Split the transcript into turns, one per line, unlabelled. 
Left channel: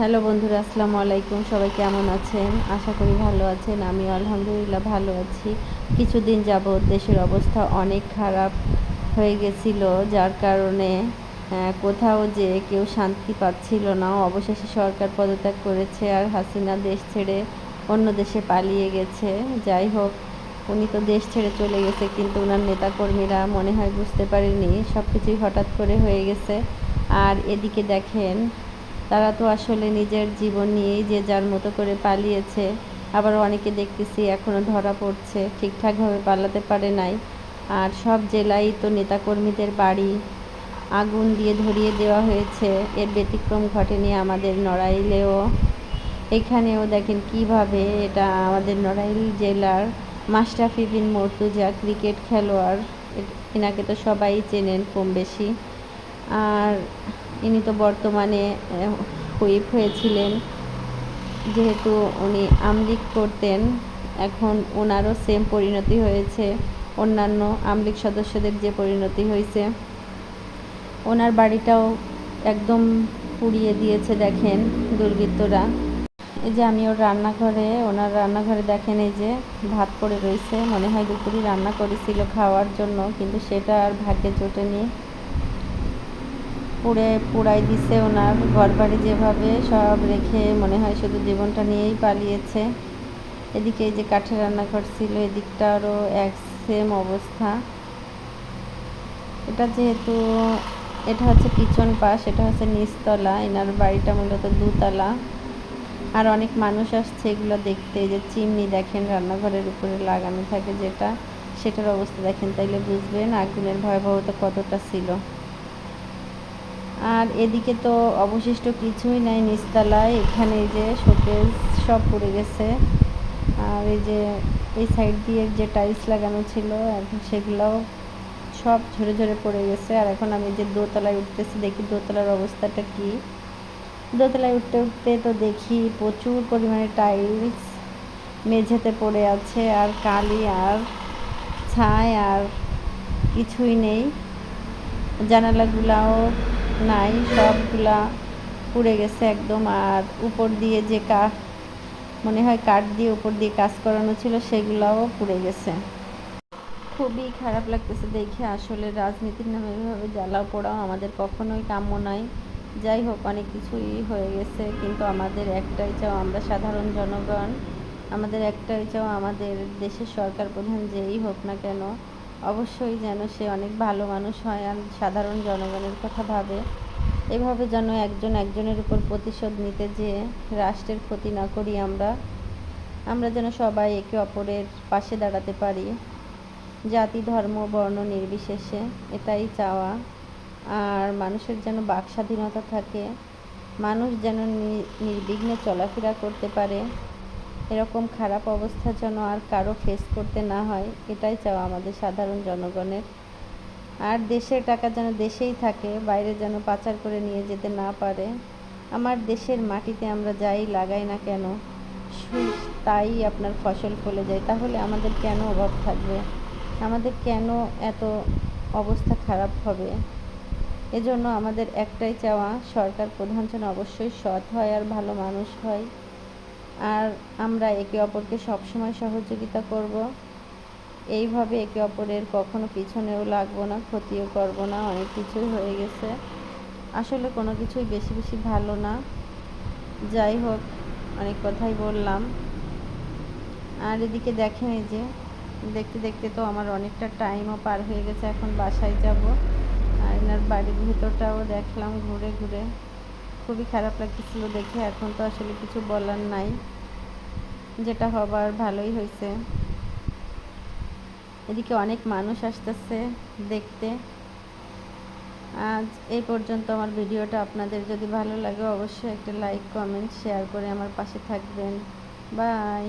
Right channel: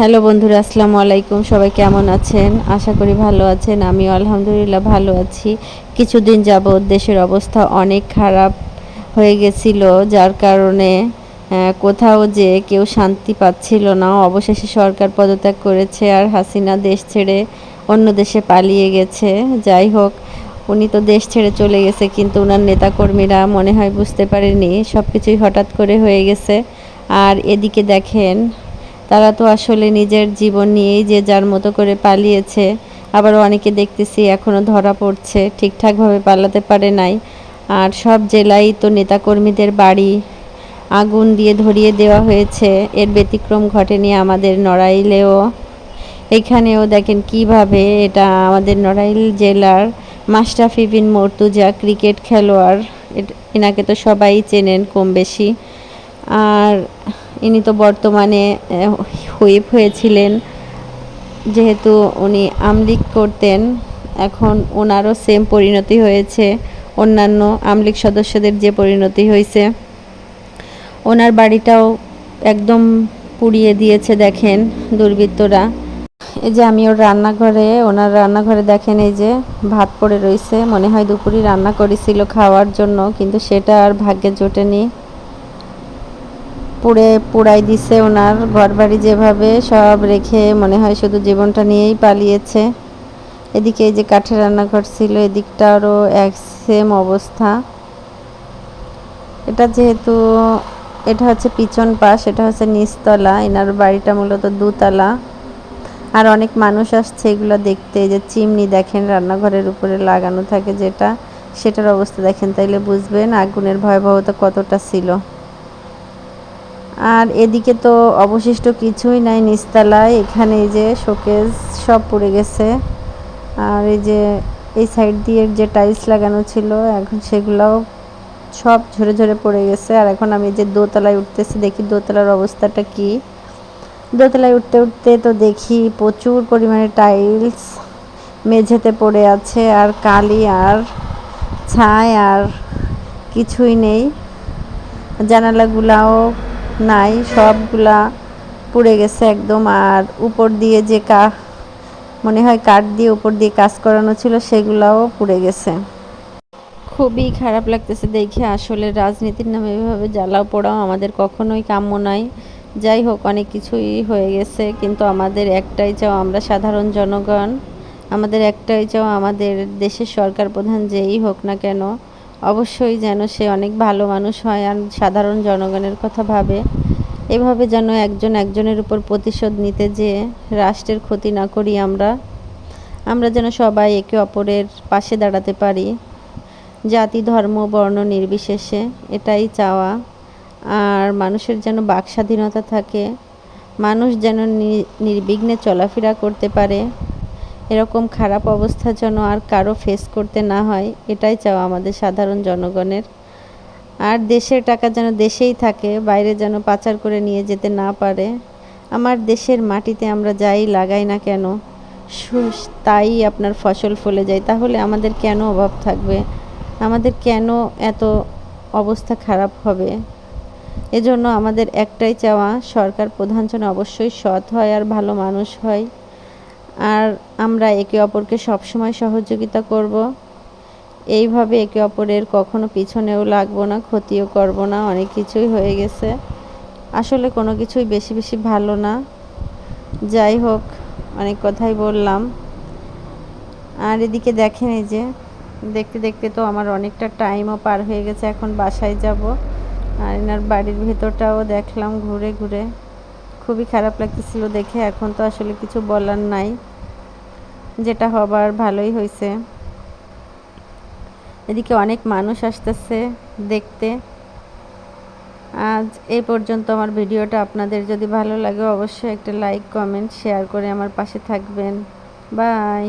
Hello বন্ধুরা, আসসালামু আলাইকুম। সবাই কেমন আছেন? আশা করি ভালো আছেন। আমি আলহামদুলিল্লাহ ভালো আছি। কিছুদিন যাবৎ দেশের অবস্থা অনেক খারাপ হয়ে গেছিল, যার কারণে কোথাও যে কেউ শান্তি পাচ্ছিল না। অবশেষে সরকার পদত্যাগ করেছে আর হাসিনা দেশ ছেড়ে অন্য দেশে পালিয়ে গেছে। যাই হোক, উনি তো দেশ ছেড়ে চলে গেছে, কিন্তু ওনার নেতাকর্মীরা মনে হয় বুঝতে পারেনি সব কিছুই হঠাৎ করে হয়ে গেছে। আর এদিকে দেখেন তারা তো আসলে নিজের জীবন নিয়েই যে যার মতো করে পালিয়েছে। আবার অনেকে দেখতেছি এখনও ধরা পড়ছে, ঠিকঠাকভাবে পালাতে পারে নাই। আর সব জেলায় তো নেতাকর্মীদের বাড়ি আগুন দিয়ে ধরিয়ে দেওয়া হয়েছে। এর ব্যতিক্রম ঘটেনি আমাদের নড়াইলেও। এখানেও দেখেন কীভাবে এটা আমাদের নড়াইল জেলার মাস্টাফি বিন মর্তুজা ক্রিকেট খেলোয়াড় এনাকে তো সবাই চেনেন কম বেশি আর ইনি তো বর্তমানে হুইপ হয়েছিলেন। যেহেতু উনি আমলিক করতেন, এখন ওনারও সেম পরিণতি হয়েছে। অন্যান্য আমলিক সদস্যদের যে পরিণতি হয়েছে। ওনার বাড়িটাও একদম পুড়িয়ে দিয়েছে দেখেন দুর্বৃত্তরা। এই যে আমি ওর রান্নাঘরে, ওনার রান্নাঘরে দেখেন এই যে ভাত পড়ে রয়েছে মনে হয় দুপুরই রান্না করেছিল খাওয়ার জন্য, কিন্তু সেটা আর ভাগ্যে জোটেনি। পুড়ে পুড়াই দিছে ওনার ঘর বাড়ি যেভাবে সব রেখে মনে হয় শুধু জীবনটা নিয়েই পালিয়েছে। এদিকে এই যে কাঠের রান্নাঘর ছিল এদিকটারও এক সেম অবস্থা। এটা যেহেতু, এটা হচ্ছে পিছন পাশ, এটা হচ্ছে নিচতলা, এনার বাড়িটা মূলত দুতলা। আর অনেক মানুষ আসছে এগুলো দেখতে যে চিমনি দেখেন রান্নাঘরের উপরে লাগানো থাকে যেটা, সেটার অবস্থা দেখেন, তাইলে বুঝবেন আগুনের ভয়াবহতা কতটা ছিল। আর এদিকে তো অবশিষ্ট কিছুই নাই নিচতলায় এখানে যে শোকেস সব পড়ে গেছে। আর এই যে এই সাইড দিয়ে যে টাইলস লাগানো ছিল, এখন সেগুলোও সব ঝরে ঝরে পড়ে গেছে। আর এখন আমি যে দোতলায় উঠতেছি, দেখি দোতলার অবস্থাটা কি? দোতলায় উঠতে উঠতে তো দেখি প্রচুর পরিমাণে টাইলস মেঝেতে পড়ে আছে, আর কালি, আর ছাই, আর কিছুই নেই। জানালাগুলাও নাই, সবগুলা পুড়ে গেছে একদম। আর উপর দিয়ে যে কা, মনে হয় কাঠ দিয়ে উপর দিয়ে কাজ করানো ছিল, সেগুলাও পুড়ে গেছে। খুবই খারাপ লাগতেছে দেখে। আসলে রাজনীতির নামে এভাবে জ্বালাও পোড়াও আমাদের কখনোই কাম্য নয় যাই হোক, অনেক কিছুই হয়ে গেছে, কিন্তু আমাদের একটাই চাও আমরা সাধারণ জনগণ। আমাদের একটাই চাও আমাদের দেশের সরকার প্রধান যেই হোক না কেন অবশ্যই যেন সে অনেক ভালো মানুষ হয় আর সাধারণ জনগণের কথা ভাবে। এভাবে যেন একজন একজনের উপর প্রতিশোধ নিতে যে রাষ্ট্রের ক্ষতি না করি আমরা আমরা যেন সবাই একে অপরের পাশে দাঁড়াতে পারি। জাতি, ধর্ম, বর্ণ নির্বিশেষে এটাই চাওয়া। আর মানুষের যেন বাক স্বাধীনতা থাকে, মানুষ যেন নির্বিঘ্নে চলাফেরা করতে পারে। এরকম খারাপ অবস্থা যেন আর কারও ফেস করতে না হয়, এটাই চাওয়া আমাদের সাধারণ জনগণের। আর দেশের টাকা যেন দেশেই থাকে, বাইরে যেন পাচার করে নিয়ে যেতে না পারে, আমার দেশের মাটিতে আমরা যাই লাগাই না কেন? তাই আপনার ফসল ফলে যায়, তাহলে আমাদের কেন অভাব থাকবে? আমাদের কেন এত অবস্থা খারাপ হবে? এজন্য আমাদের একটাই চাওয়া, সরকার প্রধান যেন অবশ্যই সৎ হয় আর ভালো মানুষ হয়। আর আমরা একে অপরকে সবসময় সহযোগিতা করব। এইভাবে একে অপরের কখনো পিছনেও লাগবো না, ক্ষতিও করব না, অনেক কিছুই হয়ে গেছে। আসলে কোনো কিছুই বেশি বেশি ভালো না। যাই হোক, অনেক কথাই বললাম। আর এদিকে দেখেন এই যে, দেখতে দেখতে তো আমার অনেকটা টাইমও পার হয়ে গেছে, এখন বাসায় যাব। আর এনার বাড়ির ভেতরটাও দেখলাম ঘুরে ঘুরে। খুবই খারাপ লাগতেছিল দেখে, এখন তো আসলে কিছু বলার নাই। যেটা হবার ভালোই হয়েছে এদিকে অনেক মানুষ আসতেছে দেখতে। আজ এই পর্যন্ত আমার ভিডিওটা আপনাদের যদি ভালো লাগে অবশ্যই একটা লাইক কমেন্ট শেয়ার করে আমার পাশে থাকবেন। বাই